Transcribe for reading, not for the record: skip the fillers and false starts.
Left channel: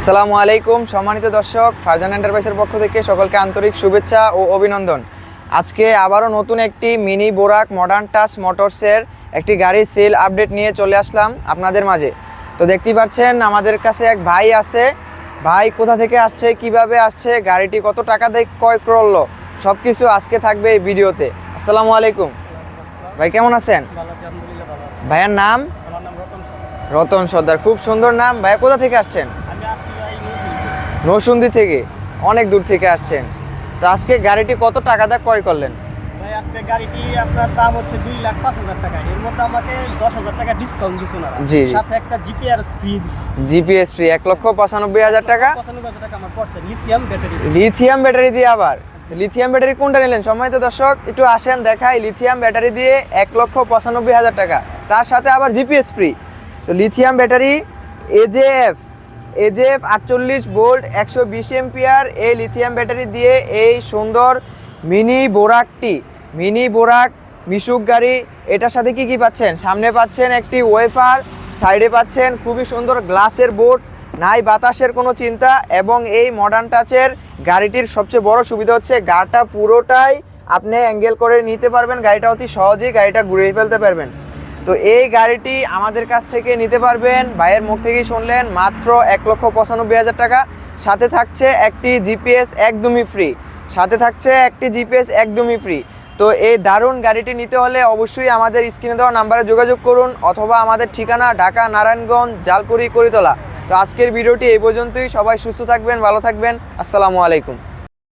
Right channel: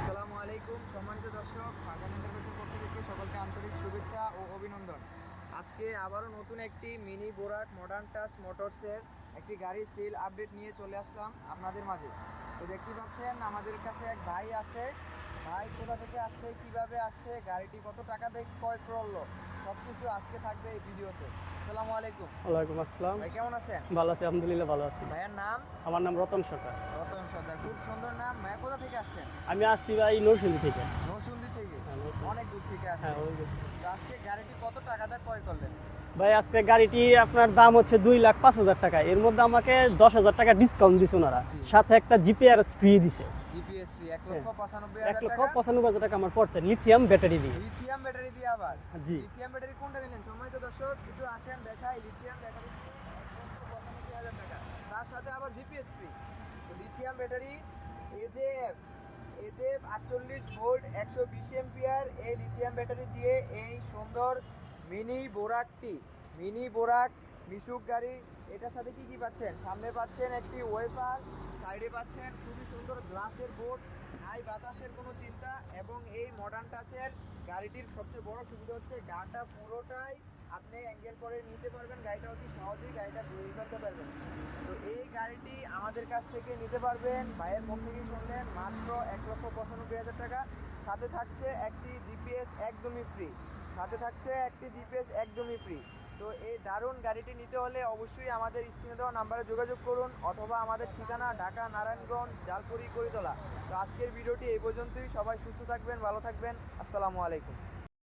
আসসালামু আলাইকুম সম্মানিত দর্শক, ফারজান এন্টারপ্রাইজের পক্ষ থেকে সকলকে আন্তরিক শুভেচ্ছা ও অভিনন্দন। আজকে আবারও নতুন একটি মিনি বোরাক মডার্ন টাচ মোটরসের একটি গাড়ির সেল আপডেট নিয়ে চলে আসলাম আপনাদের মাঝে। তো দেখতেই পাচ্ছেন আমাদের কাছে এক ভাই আছে। ভাই কোথা থেকে আসছে, কিভাবে আসছে, গাড়িটি কত টাকা দিয়ে ক্রয় করলো, সব কিছু আজকে থাকবে এই ভিডিওতে। আসসালামু আলাইকুম ভাই, কেমন আছেন? ভাইয়ার নাম? রতন সর্দার, খুব সুন্দর নাম। ভাইয়া কোথা থেকে আসছেন? নরসিংদী থেকে, অনেক দূর থেকে আসছেন। তো আজকে গাড়িটি কত টাকা দিয়ে ক্রয় করলেন? ভাই আজকে গাড়িটি আপনার দাম হচ্ছে 2,05,000 টাকা। এর মধ্যে আমাকে 10,000 টাকা ডিসকাউন্ট দিছে না, জি, সাথে একটা জিপিআরএস ফ্রি দিছে। জিপিএস ফ্রি 1,95,000 টাকা। 95,000 টাকা আমার পড়ছে লিথিয়াম ব্যাটারি। লিথিয়াম ব্যাটারি দিয়ে আবার? লিথিয়াম ব্যাটারি কোনটা নিলেন সম্মানিত দর্শক? একটু আসেন দেখাই। লিথিয়াম ব্যাটারি দিয়ে 1,95,000 টাকা, তার সাথে আবার জিপিএস ফ্রি। তো লিথিয়াম ব্যাটারি এজেএফ 48 ভোল্ট 120 এম্পিয়ার এই লিথিয়াম ব্যাটারি দিয়ে এই সুন্দর মিনি বোরাক মিশুক গাড়ি। এটার সাথে কি কি পাচ্ছেন? সামনে পাচ্ছেন একটি ওয়েফার, সাইডে পাচ্ছেন খুবই সুন্দর গ্লাসের বোর্ড, নাই বাতাসের কোনো চিন্তা। এবং এই মডার্ন টাচের গাড়িটির সবচেয়ে বড় সুবিধা হচ্ছে গাড়িটা পুরোটাই আপনি অ্যাঙ্গেল করে নিতে পারবেন, গাড়িটা অতি সহজেই গাড়িটা ঘুরিয়ে ফেলতে পারবেন। তো এই গাড়িটি আমাদের কাছ থেকে নিতে পারবেন, ভাইয়ের মুখ থেকেই শুনলেন, মাত্র 1,95,000 টাকা। সাথে থাকছে একটি জিপিএস একদমই ফ্রি। তো এই দারুণ গাড়িটি নিতে হলে অবশ্যই আমাদের স্ক্রিনে দেওয়া নাম্বারে যোগাযোগ করুন, অথবা আমাদের ঠিকানা ঢাকা নারায়ণগঞ্জ জালকুড়ি করিতলা। তো আজকের ভিডিওটি এই পর্যন্তই। সবাই সুস্থ থাকবেন, ভালো থাকবেন। আসসালামু আলাইকুম।